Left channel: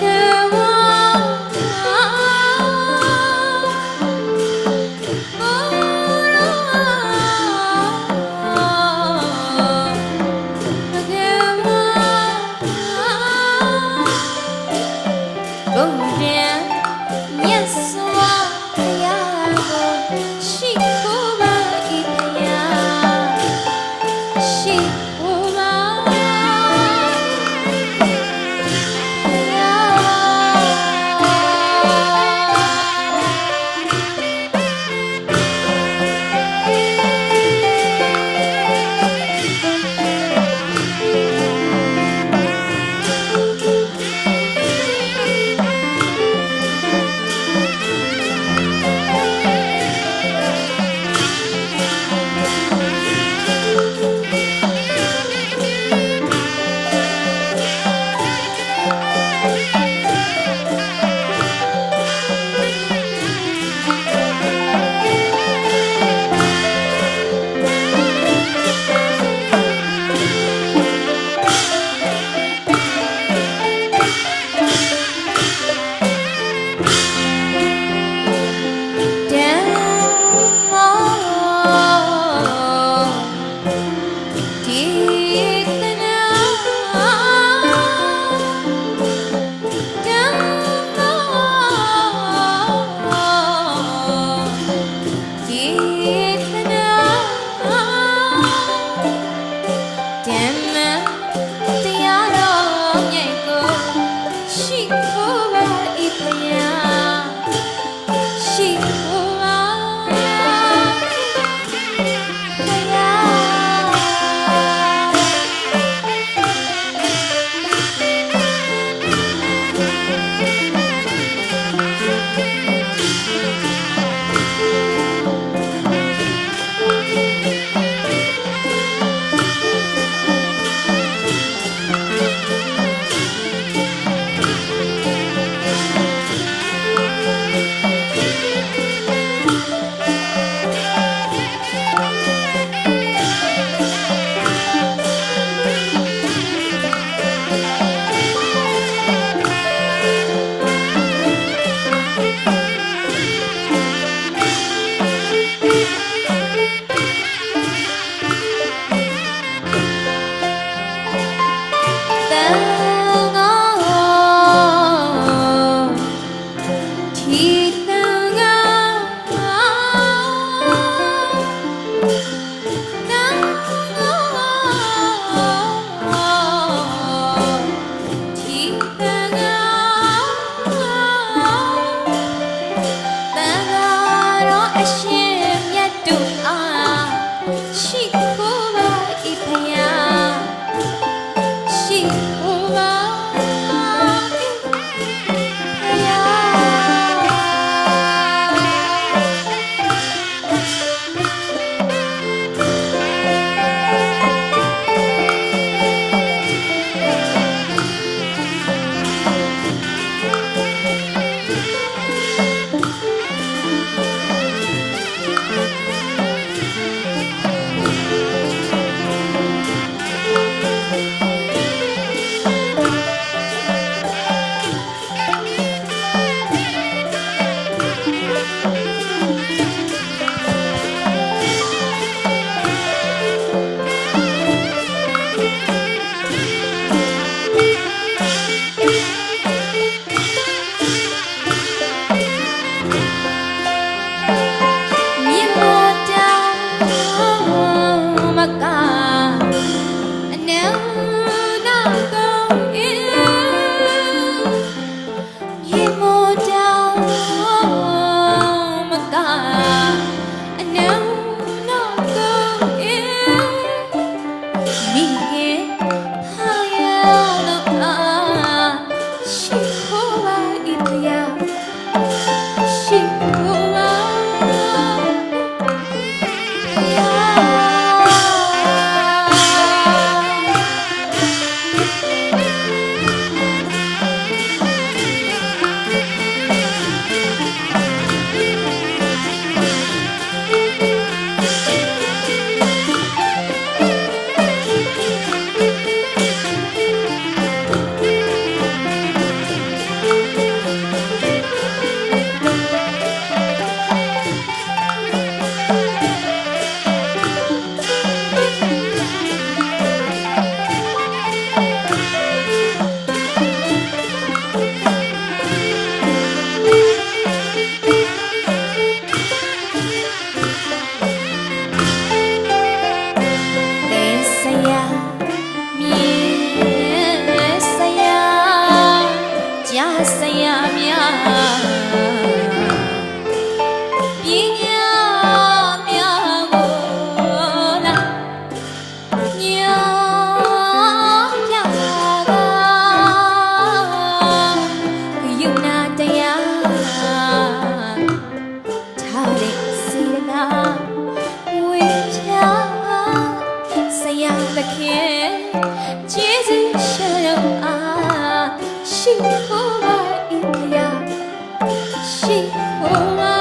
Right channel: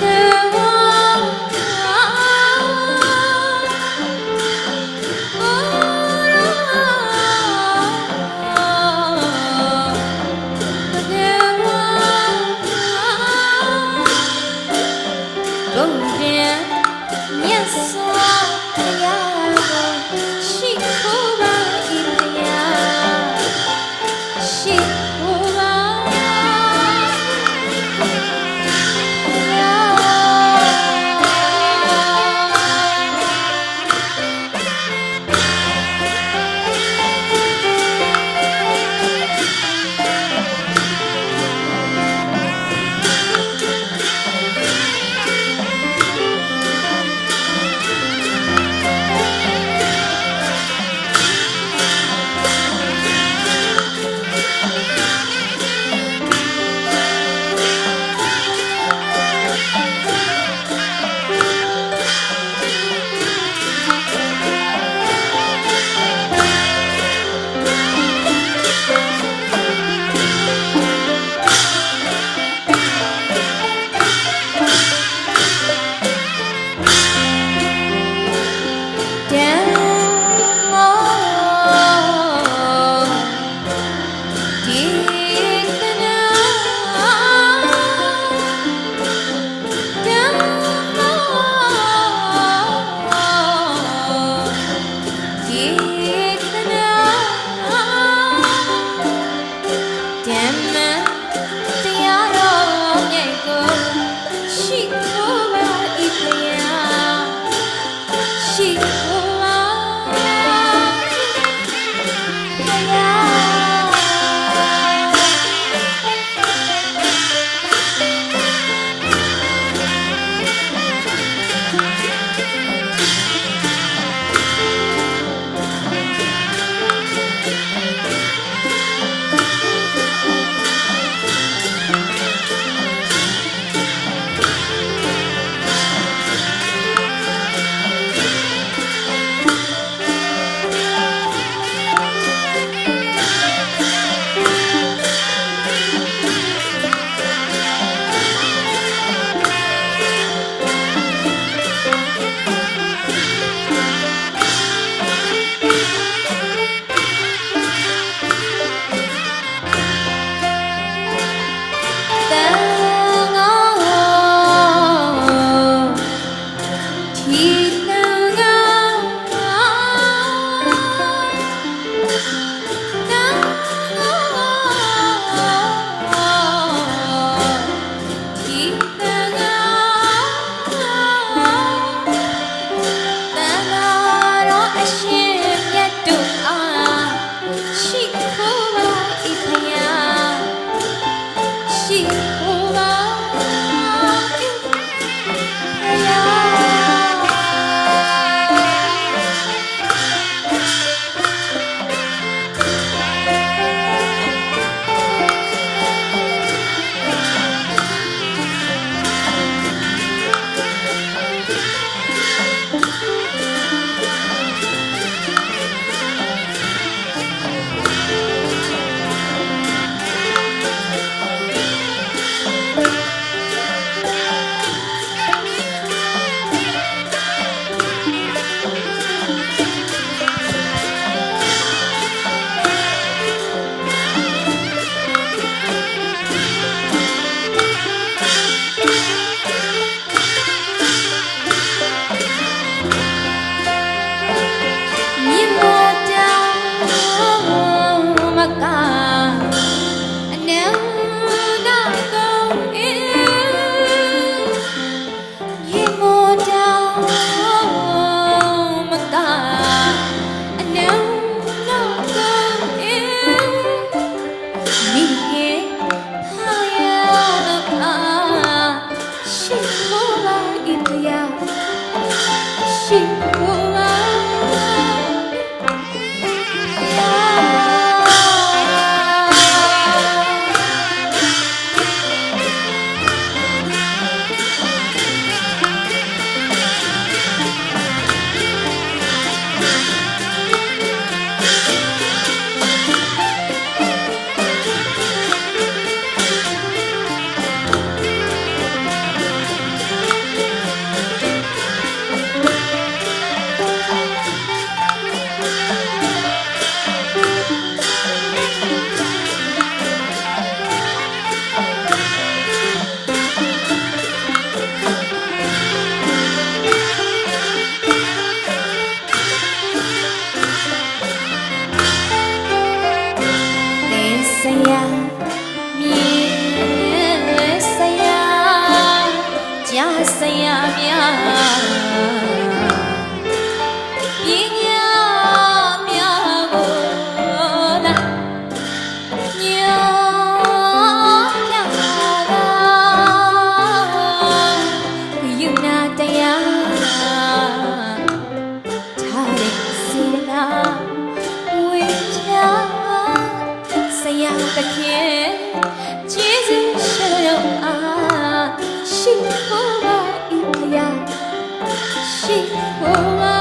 Yeah. 幸福吧，一朋友，幸福。 တခင်ကျေးဇူးရှင်တော်အားရှိဖို့ し終わ